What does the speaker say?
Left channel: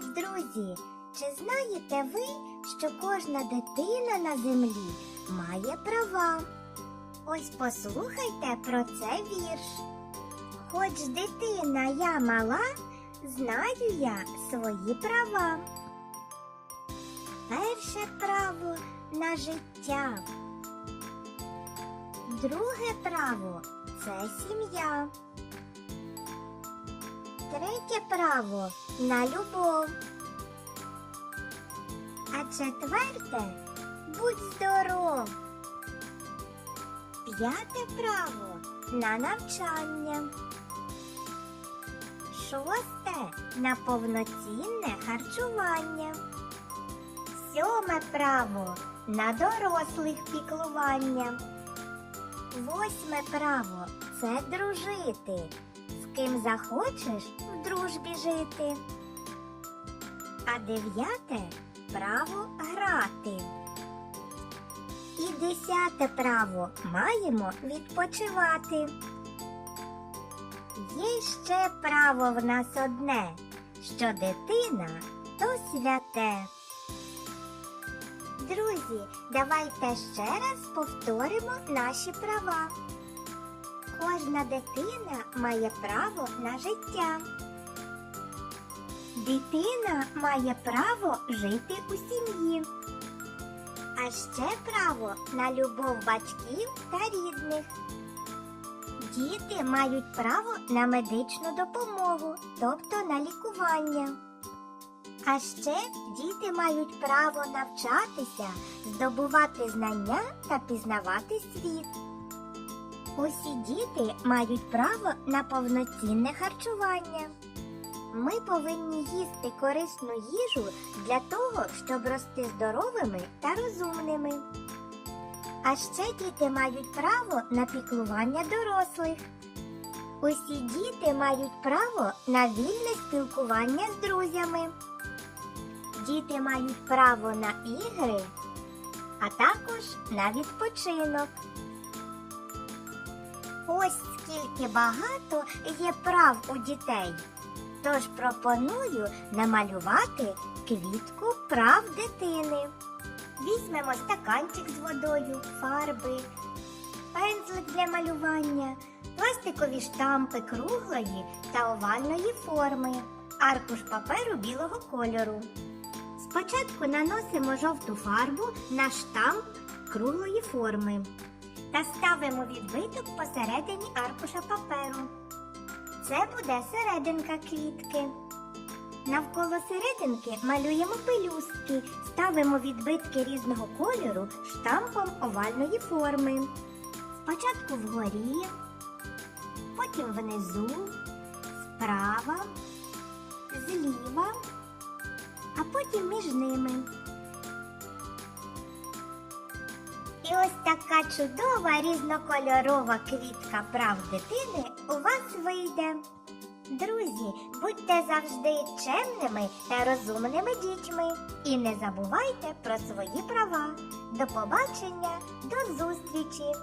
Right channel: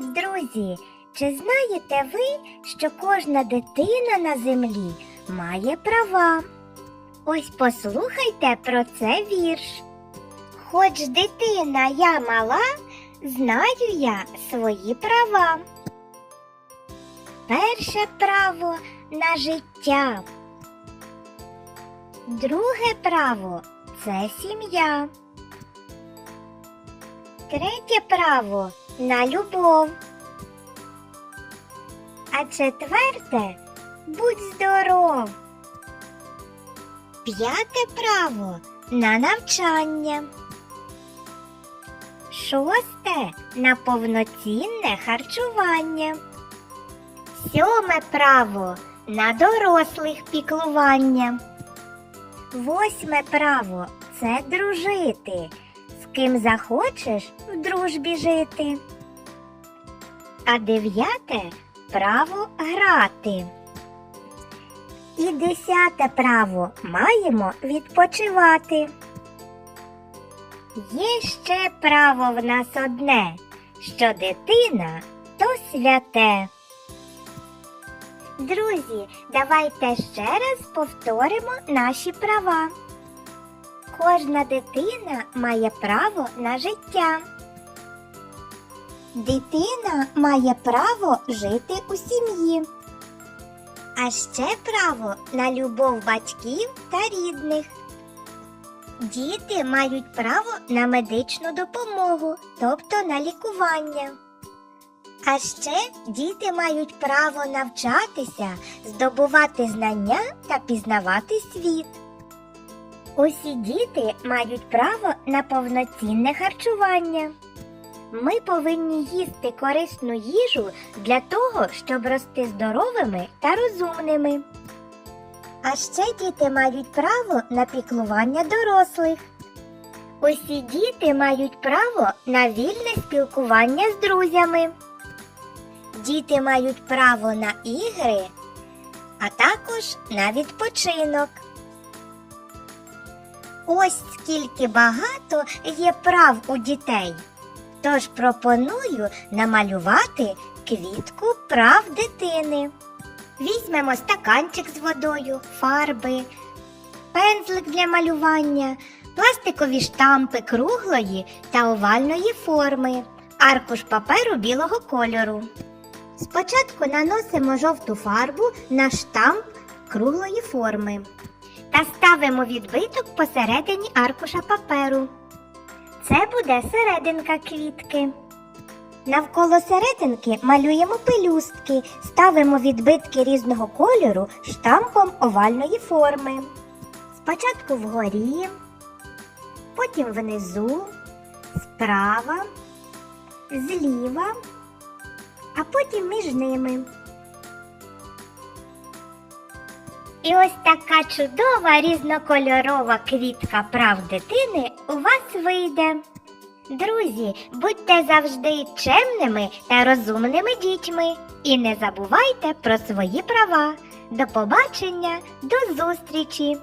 Друзі! Чи знаєте ви, що кожна дитина на землі має права? Ось послухайте про це вірш. Хоч дитина я мала, знаю я свої права. Перше право на життя. Друге право це сім'я. Третє право на любов. А четверте будь здоров. П'яте право на навчання. Шосте на повноцінне харчування. Сьоме право на дорослих піклування. Восьме право це дружити. Ким захочеш в дружбі жити. А дев'яте право грати. І десяте право маємо відпочивати. Є ще право в нас одне, що дитина то святе. Друзі, давайте ще раз повторимо наші права. Кожна дитина має право на життя. Дитина має право жити у сім'ї. А ще право на любов батьків та рідних. Діти мають право на медичну допомогу, тобто на лікування. А ще діти мають право навчатися, здобувати знання та пізнавати світ. Усі діти мають право на повноцінне харчування. Ми повинні їсти корисну їжу для того, щоб рости здоровими та розумними. А ще діти мають право на піклування дорослих. Усі діти мають право на вільне спілкування з друзями. Діти мають право на ігри, а також на відпочинок. Ось скільки багато є прав у дітей. Тож пропоную намалювати квітку прав дитини. Візьмемо стаканчик з водою, фарби, пензлик для малювання, пластикові штампи круглої та овальної форми, аркуш паперу білого кольору. Спочатку наносимо жовту фарбу на штамп круглої форми та ставимо відбиток посередині аркуша паперу. Це буде серединка квітки. Навколо серединки малюємо пелюстки, ставимо відбитки різного кольору штампом овальної форми. Спочатку вгорі, потім внизу, справа, зліва, а потім між ними. І ось така чудова різнокольорова квітка прав дитини у вас вийде. Друзі, будьте завжди чемними та розумними дітьми і не забувайте про свої права. До побачення, до зустрічі!